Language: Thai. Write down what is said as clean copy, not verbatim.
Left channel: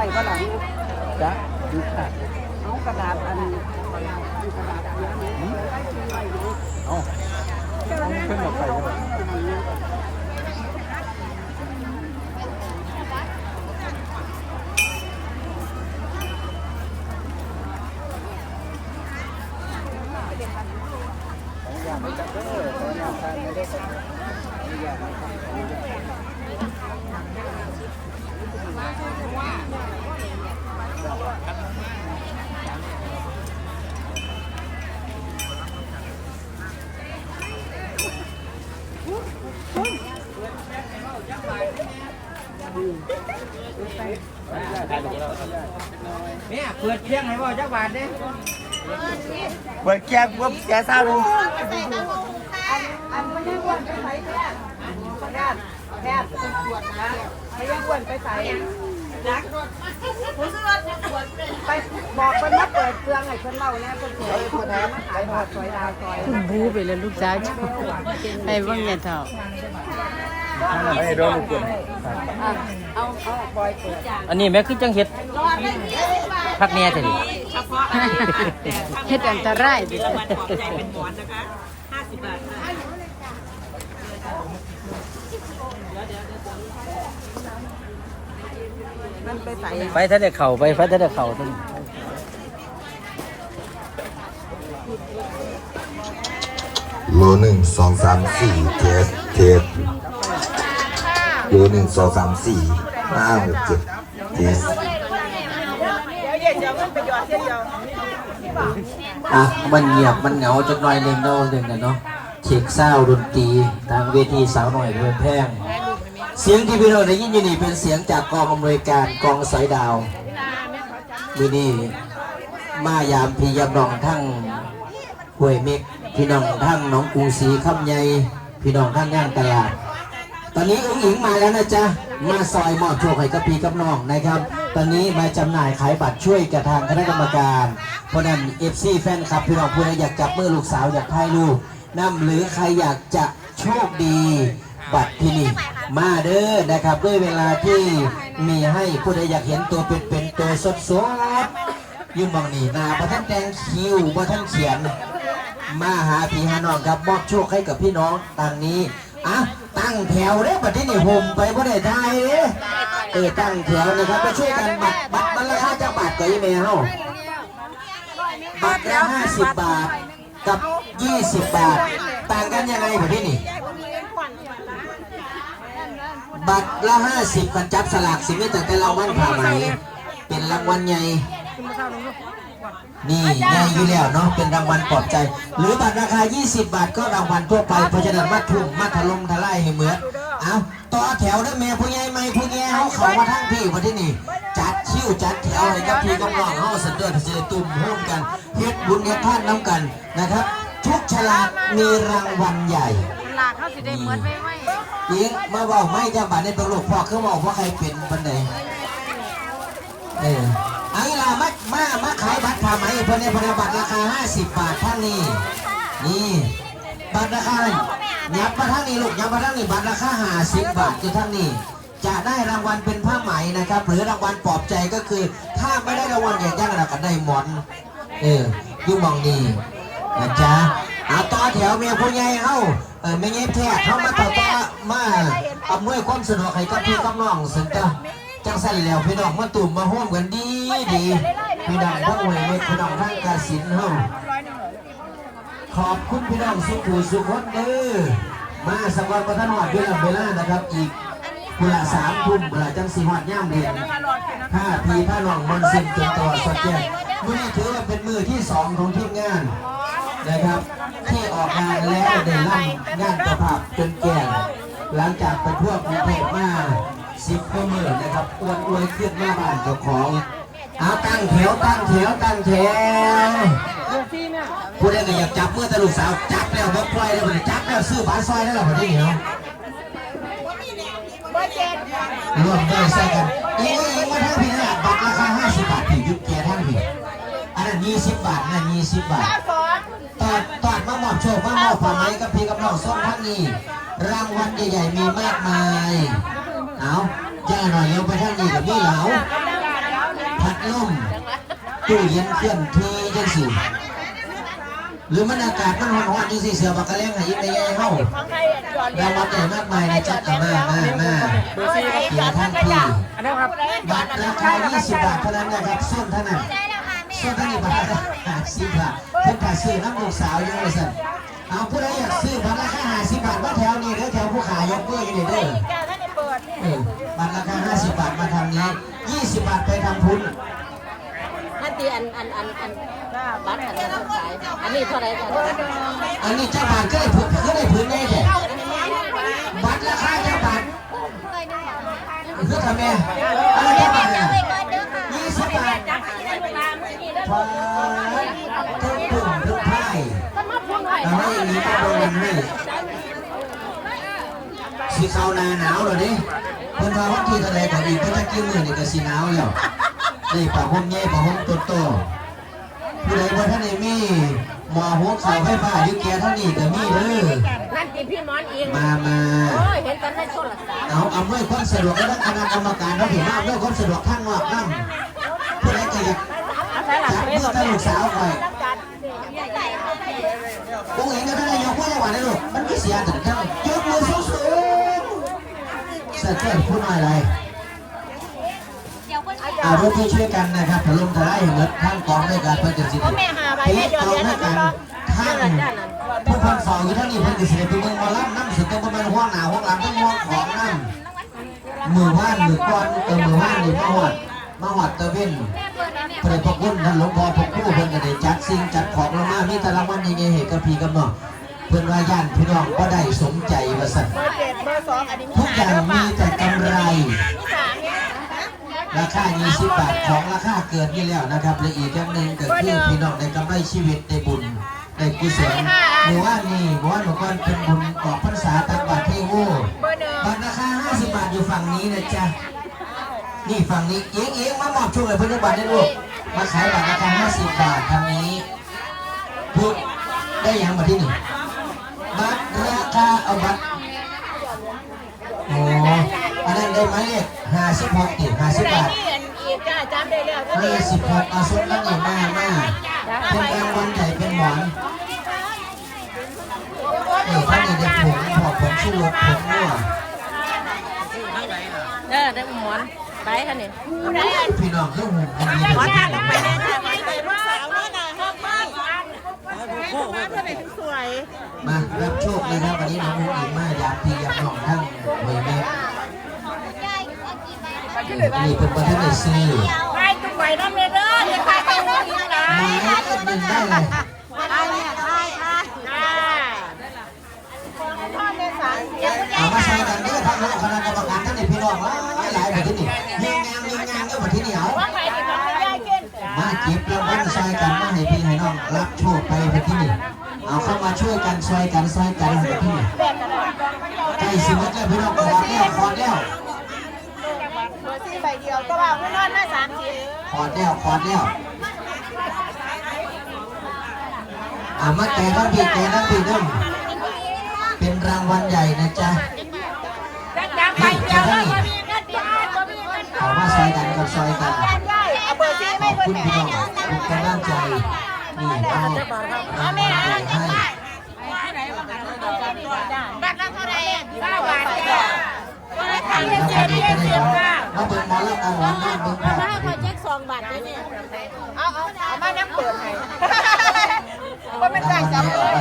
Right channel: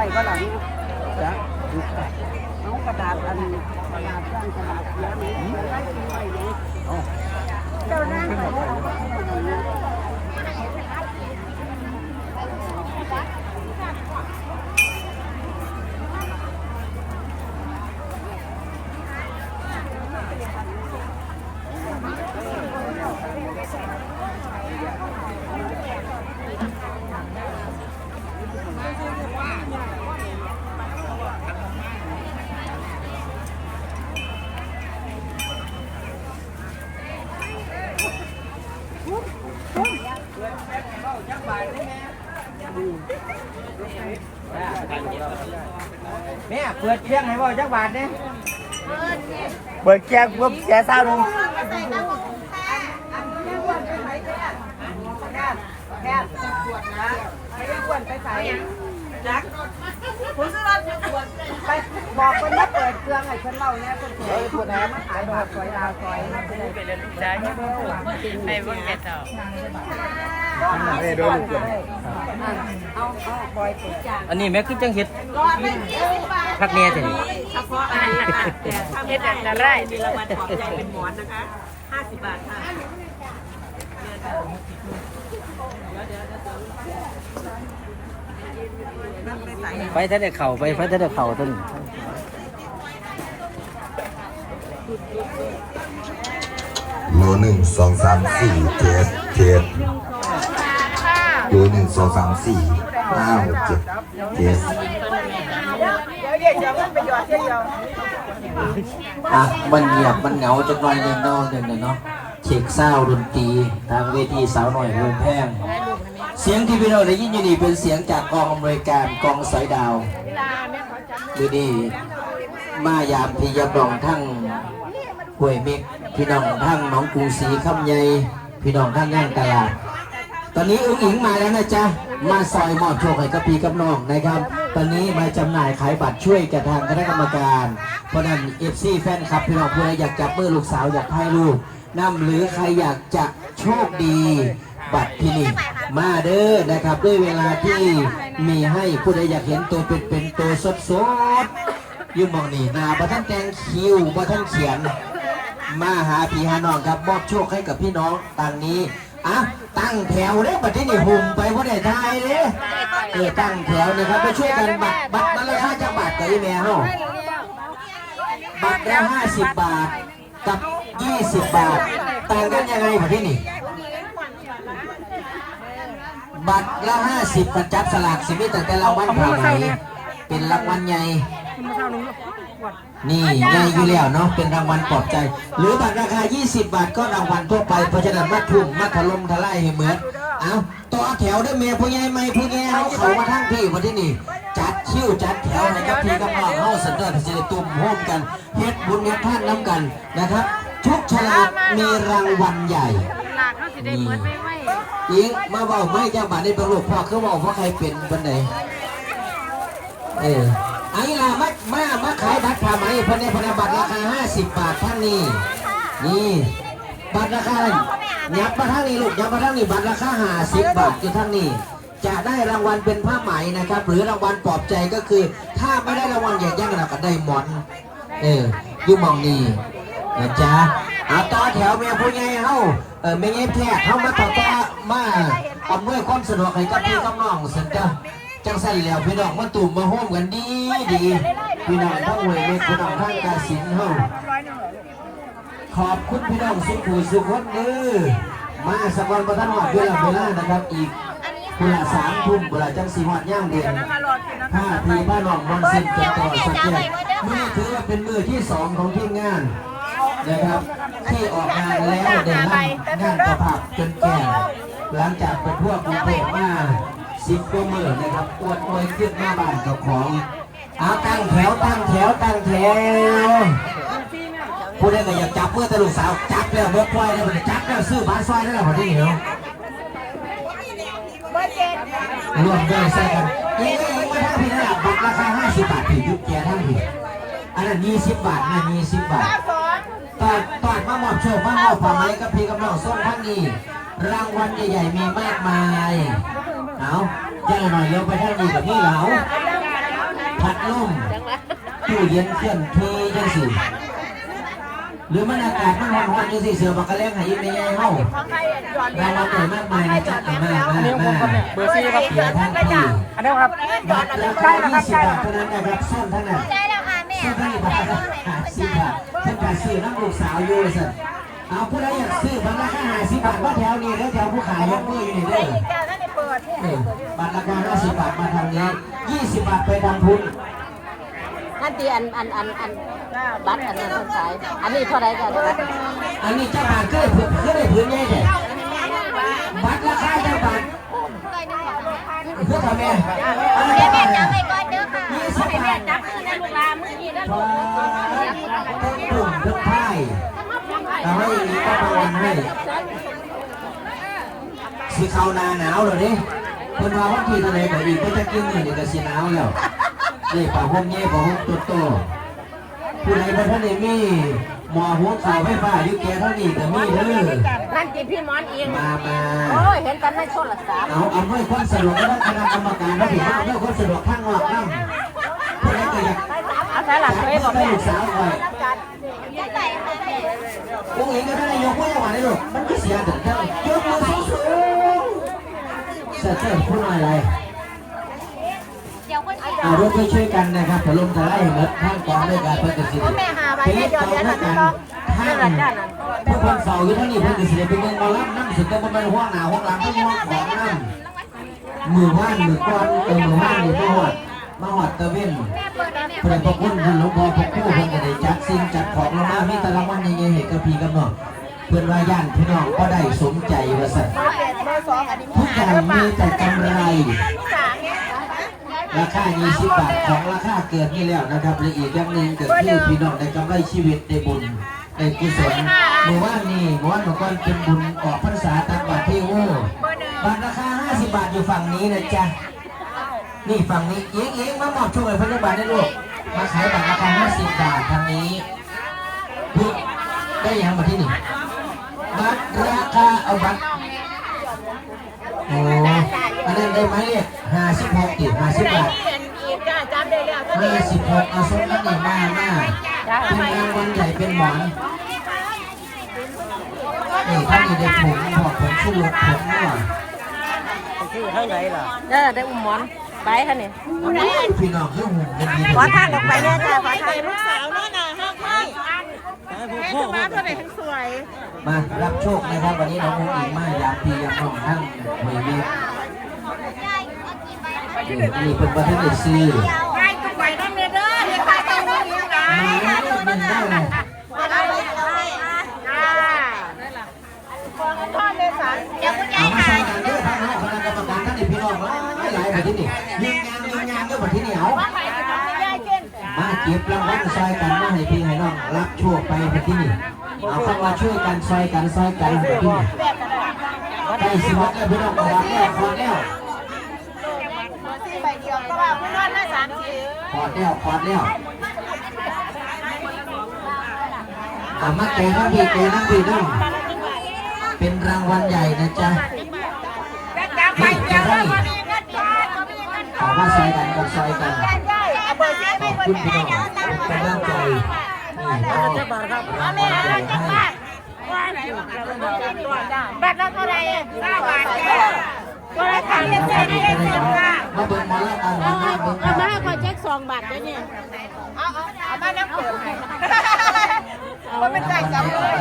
ไปก็หลังจ้ะเอากระดาษอันกระดาษสั้นกระดาษเสียไหมแล้วได้ซื้อไว้ไหมเอาเจ้าหน้าไปเอาไปไหนแม่เปิดเชียงให้บ่จักบาทเนี่ยเปิดเชียงปุ๊บเสีย3,000แค่ขวดนะไอ้ขวดไปใส่นักผมซื้อรถขวดไปบอกคนมาเปิดเครื่องให้คนเล่าเนี่ยคนสวยคนไหนมาขายบาทซอยดาวซอยมาดูไปแล้วลูกจ้าไปบ้านเนี่ยเท่าเอาบอยเปิดอันนี้แม่คือจังเฮ็ดพักเนี่ยสิเฉพาะเฮ็ดอันตรายมีรางวัลปลอบใจเป็นหมอนนะคะ50 บาทค่ะไปถ้าได้เข่าไปเพราะถ้าได้เข่าต้นโล1 2 3 4เทสโล1 2 3 4 5 6 7เทสมันเงียบมันเหงาจนน้อยเล่นเนาะเช็คซาวดนตรีทางเวทีสาวหน่อยเพื่อแพงเสียงที่พี่เราได้ยินอยู่นี่เป็นเสียงจากกองอำนวยการกองสายดาวดูนี่มายามพี่ยามน้องทั้งห้วยเม็กพี่น้องทั้งน้องกรุงศรีคำใหญ่พี่น้องทั้งงานตลาดตอนนี้อุ้งอิงมาแล้วนะจ๊ะมาซอยมอบโชคให้กับพี่กับน้องนะครับตอนนี้มาจำหน่ายขายบัตรช่วยกับทางคณะกรรมการเพราะนั้นFCแฟนคลับพี่น้องเพื่อนอยากจับมือลูกสาวอยากถ่ายรูปนำหรือใครอยากจะโชคดีบัตรที่นี่มาเด้อนะครับด้วยเวลาที่มีให้ผู้ใดอยากเห็นตัวเป็นตัวสดๆยืมมองนี่นาประทันแดงคิวประทันเขียนมาหาพี่หาน้องครับมอบโชคให้กับพี่น้องทางนี้อ่ะตั้งแถวเลยบัตรที่นี่หุ่มไปผู้ใดทายเลยตั้งแถวนี่ครับมาช่วยกันบัตรละ5 บาทตีแมวบัตรละ50 บาทกับ20 บาทต่างกันยังไงบัตรที่นี่บัตรละ50กันจับสลากสิมิจะเป็นรางวัลผ่าไหมเป็นรางวัลใหญ่นี่ใหญ่อยู่แล้วเนาะเป็นรางวัลปลอบใจหรือบัตรราคา20 บาทก็รางวัลทั่วไปเพราะฉะนั้นมัดทุ่มมัดถล่มทลายให้เหมือนเอาต่อแถวได้เมียผู้ใหญ่ไม่ผู้ใหญ่เขามาทั้งพี่วันที่นี่จัดคิวจัดแถวให้กับพี่กับน้องเขาสันเดอร์เสด็จตุ่มห้อมกันเฮ็ดบุญเฮ็ดท่านน้ำกันนะครับทุกฉลากมีรางวัลใหญ่หลากเขาสิได้เหมือนไม่ยิงมาบอกไม่จะบาดในตลกพอคือบอกว่าใครเป็นบันไดไอ้ล่ะมาขายบัตรผ่าไหมพันในพันบัตรราคา50 บาทท่านนี้นี่บัตรราคายับมาทั้งนี้ลูกยับมาทั้งนี้บัตรราคา50 บาทคือทั้งนี้จะได้รางวัลเป็นผ้าไหมนะครับหรือรางวัลปลอบใจก็คือถ้าไม่ได้รางวัลใหญ่ๆเราก็ได้หมอนยุ่งมองดีนะจ๊ะเอาต่อแถวเมียผู้ใหญ่เขาไม่ยิ้มแท้เขามาต่อมาอำนวยความสะดวกให้กับพี่กับน้องสันเจ้าจังใส่แล้วพี่น้องมาตุ่มมาห้อมกันดีพี่น้องพวกเลยพี่น้องท่านกาสินเขาขอบคุณพี่น้องสุขุมสุขวัดเด้อมาสำหรับท่านหมดเวลานะครับอีกเวลา3 ทุ่มเวลาจังสีหัดย่างเดือนถ้าพี่บ้านน้องมันสิ้นจนต่อสักแก่มือถือเป็นมือที่2ของทีมงานนะครับที่ออกงานแล้วในงานประผักจนแก่หลังจากประพวกมีเทศมา10 กว่ามื้อนะครับอวดอวยขึ้นมาบ้านเจ้าของเอาตั้งแถวผู้ใดก็อยากจับมือตะลุกสาวจับแล้วบกไฟแล้วจับแล้วซื้อบ้านซอยได้แล้วพอดีเนาะรวมได้ใช่กันมาทั้งพี่นะบัตรราคา50 บาทถึงยุคแก่ทั้งพี่อันนั้น20 บาทนะ20 บาทตอดมามอบโชคมามอบผลไม้กับพี่กับน้องส่งทั้งนี้รางวัลใหญ่ๆมีมากมายเอาแย่หน่อยเร็วไปทั้งนี้กับพี่เหลา ลมตู้เย็นเคลื่อนที่จังสิหรือมันอากาศมันร้อนๆจังสิเสือบักกะแลงให้ไม่แย่เฮาได้รับผลมากมายนะจ๊ะมาเบอร์4ครับ ท่านพี่ อันนี้ครับ บัตรราคา20 บาทเท่านั้นนะครับส้นเท่านั้นซื้อที่บาทละ50 บาทเพิ่งแต่ซื้อน้ำลูกสาวอยู่สิเอาผู้ใดอยากซื้อบัตรราคา50 บาทว่าแถวนี้เด้อแถวผู้ขายยังเมื่ออยู่นี่เด้อบัตรราคา50 บาทมาทางนี้20 บาทไปทำทุน นั่นตีอันบัตรอันนี้ต้องใช้อันนี้เท่าไรกัน อันนี้เจ้าบาทก็ได้พื้นง่ายเลยบัตรราคาเจ้าบาทเพื่อทำแม่แม่จับไปก่อนเด้อค่ะให้แม่จับคือในลูกลามือนี้แล้วลูก ทั้งกลุ่มทั้งไพ่เอาไว้อย่างนี้ก็โดนให้สีขาวหนาวเลยดิเพิ่นมาห้องที่ทะเลแต่อีกก็จะกิ้วหนึ่งก็สีหนาวแล้วนี่ป่าห้องเงี้ยป่าห้องตัวโตผู้ใดบ่ท่านได้มีหมอหัวสายไฟฟ้าดิแกเท่านี้แต่มีเด้อ นั่นตีพี่มอนเอง มา โอ้ยเห็นตอนในโทรศัพท์ เอาเมื่อความสะดวกแล้วคณะกรรมการเขาถือว่าเมื่อความสะดวกข้างนอกนั่งผู้ใดก็อยาก เอาใช้หลักเลยบอกแม่ ลูกสาวไปผู้หญิงก็ได้ยกมือจังหวะนี้ลูกมันไม่เสียถึงเท่ายกมือสูงๆเสียเที่ยวพูดอะไรเอารถที่ช่วยกันนะครับผลลงท้ายนะท่านกองด้วยการประกาศสิทธิ์ที่เราด้วยกันท่านผู้คนฝ่าอยู่ท่านนี้ประกาศสิทธิ์เป็นเงินมารับน้ำสุดก็ต้องเป็นห้องหนาวห้องหลังต้องห้องของน้ำมือว่านมือก้อนกับมือว่านมือมาหวัดตะเวนเพื่อพวกคุณท่านหลวงพ่อพวกผู้คนจะได้จัดสิ่งจัดของลงมาที่ตะลังวันยังไงเหตุกระพีกำหนดเพื่อนว่าย่านพี่น้องก็ได้สมใจว่าสัตว์ทุกอย่างมีแต่กำไรราคา20 บาทของราคาเกินนี่แล้วนะครับและอีกอย่างหนึ่งก็คือพี่น้องได้กำไรชีวิตได้บุญได้กุศลเมื่อวานบอกว่าเป็นบุญออกพรรษาตักบาตรเทโง่บัตรราคา50 บาทอยู่ฝั่งนี้นะจ๊ะนี่ฝั่งนี้เอียงมามอบช่วยเพื่อนบัตรได้ลูกมาขายบัตรราคา50 บาททางนี้พูดได้ยังมาที่นี่บัตรราคาเอาบัตรโอ้อันนั้นได้ไหมเนี่ย56 50 บาท56เอาส้มนั่นเองมาเป็นงานบุญใหญ่เป็นหวังนี่ท่านนี้ได้ผงผมชูรสผมนัว ได้หมอนไปค่ะเนี่ย พี่น้องเรื่องหุ่นดี ขอทางออกไปแม่จ้าขอทางแม่จะมาเพื่อไหนทั้งสวย มารับโชคเลยครับวันนี้น้องหุ่นดีมากอยากพี่อยากน้องทั้งมีเม็ดนี่เป็นประเทศซี ไปก็ไปน้ำเนื้อเด้อไปไปเนื้อเด้อ มาก็บินได้เลย เอาเลยจ้าของพ่อเมษาเดี๋ยวคุณยา เอา ย มาใช้กันเด้อทางคณะกรรมการท่านในพี่น้องหลายประเทศนี่ยิงยางเด้อประเทศนี้เอา ว่าไปถึงของคุณยายเก่ง มาเก็บรางวัลซอยกันมาให้พี่ให้น้องรับโชคไปประเทศนี้เอาเข้ามาช่วยกันซอยกันประเทศนี้ใกล้สิวัดแล้วพี่น้องขอแล้วขอแล้ว ใบเดียวก็ว่าผู้นั้นน่า30ขอแล้วมาเกยทั้งพี่น้องเป็นรางวัลใหญ่นะจ๊ะนี่จะได้ขอมาซอยกันก็ซอยกันเบอร์ซี่ไม่เบอ คุณ ร์ พี่น้องเป็นกำลังใจนี่ก็เอาแม่ให้แบบนั้นก็ได้ไปมาเดินมาแล้วเอาหลังนั่งดูภาพ เอามาน้ำเปิดให้มันเป็นแจกจับเลย